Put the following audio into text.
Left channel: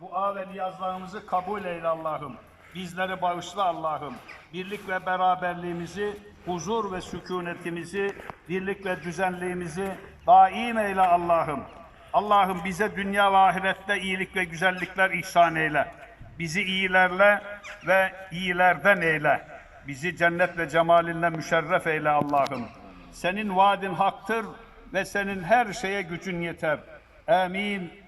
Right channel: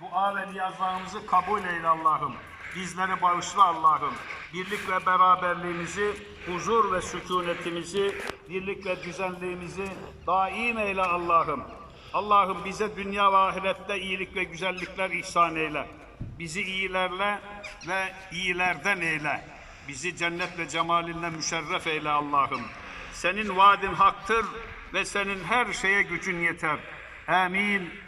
Dua ve niyazlarımızı kabul eyle Allah'ım. Bizleri bağışla Allah'ım. Birlik ve beraberliğimizi, huzur ve sükunetimizi, birlik ve düzenliğimizi daim eyle Allah'ım. Allah'ım bize dünya ve ahirette iyilik ve güzellikler ihsan eyle. Bizi iyilerle ve iyilerden eyle. Bizi cennet ve cemalinle müşerref eyle Allah'ım. Senin vaadin haktır ve senin her şeye gücün yeter. Amin.